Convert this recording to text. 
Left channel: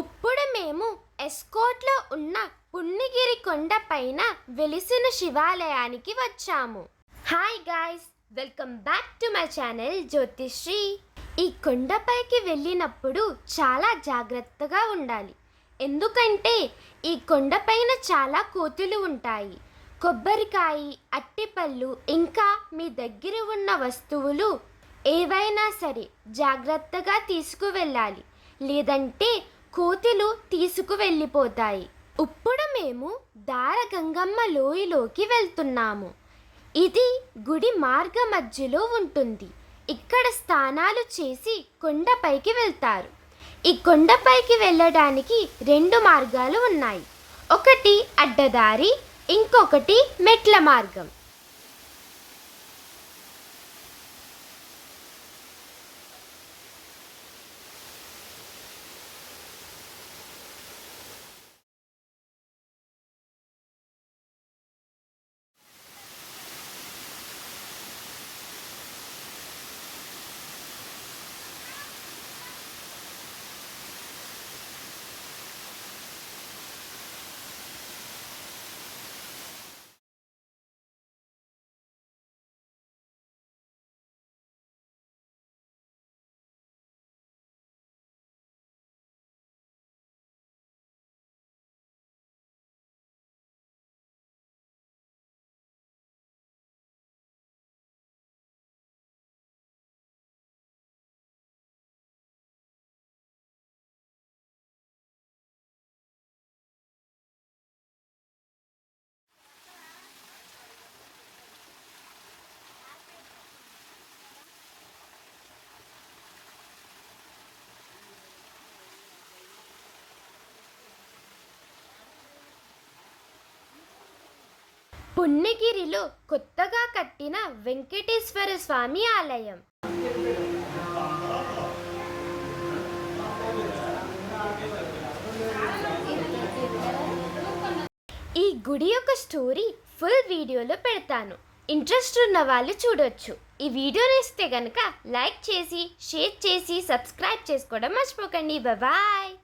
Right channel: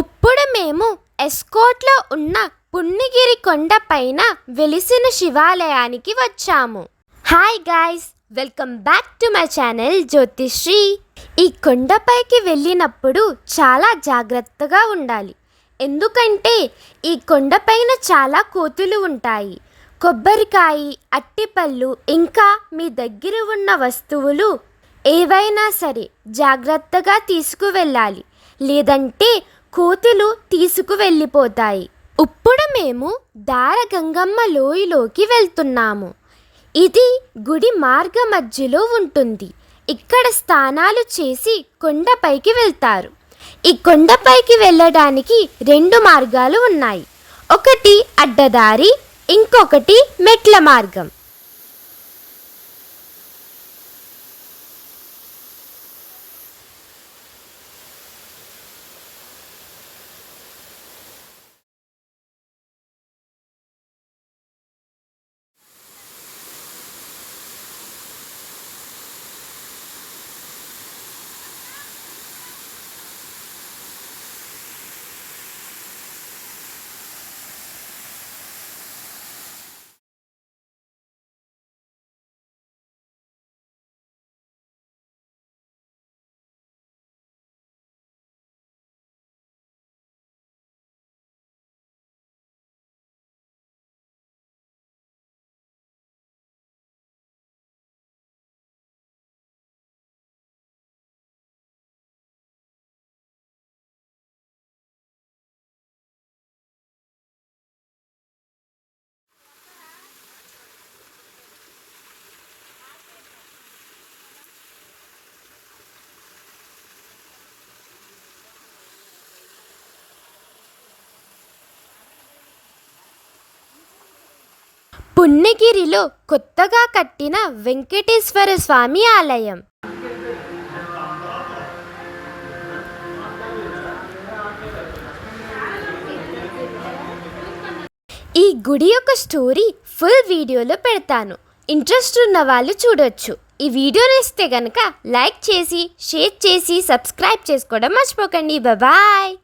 ఇప్పుడు మేము ఎస్కోట్లో ఉన్న పుణ్యగిరి కొండ పైన వెలిసిన శివాలయానికి వచ్చాము. Hi guys, welcome back to my channel Jyothisri. ఈ కొండపైకి వెళ్ళినప్పుడు చాలా జాగ్రత్తగా ఉండాలి. ఎందుకంటే ఈ కొండపైన చాలా కోతులు ఉంటాయి. కొబ్బరికాయ, అట్టిపళ్ళు ఇంకా మీ దగ్గర ఉన్న వస్తువులు ఏవైనా సరే జాగ్రత్తగా తీసుకువెళ్ళాలి, లేదంటే కోతులు తీసుకువెళ్ళిపోతాయి. ఇప్పుడు మేము దారగంగమ్మ లోయలోకి వెళ్తున్నాము. ఇది గుడి మార్గ మధ్యలో ఉంటుంది. ఇక్కడ స్నానాలు చేసి కొండపైకి వెళ్తారు. ఈ కొండపైకి వెళ్ళడానికి 2 మార్గాలు ఉన్నాయి. ఒకటి అడ్డదారి, ఇంకొకటి మెట్ల మార్గం. పుణ్యగిరిలో కొత్తగా కట్టిన వెంకటేశ్వర స్వామి ఆలయం. ఈ గుడి యొక్క స్టోరీ ఫుల్ వీడియోలో పెడతాను. ఇంట్రెస్ట్ ఉన్న వాళ్ళు చూడొచ్చు. ఈ వీడియో నచ్చితే కనుక లైక్ చేసి, షేర్ చేసి, సబ్స్క్రైబ్ చేసుకోవడం మర్చిపోకండి. బాయ్.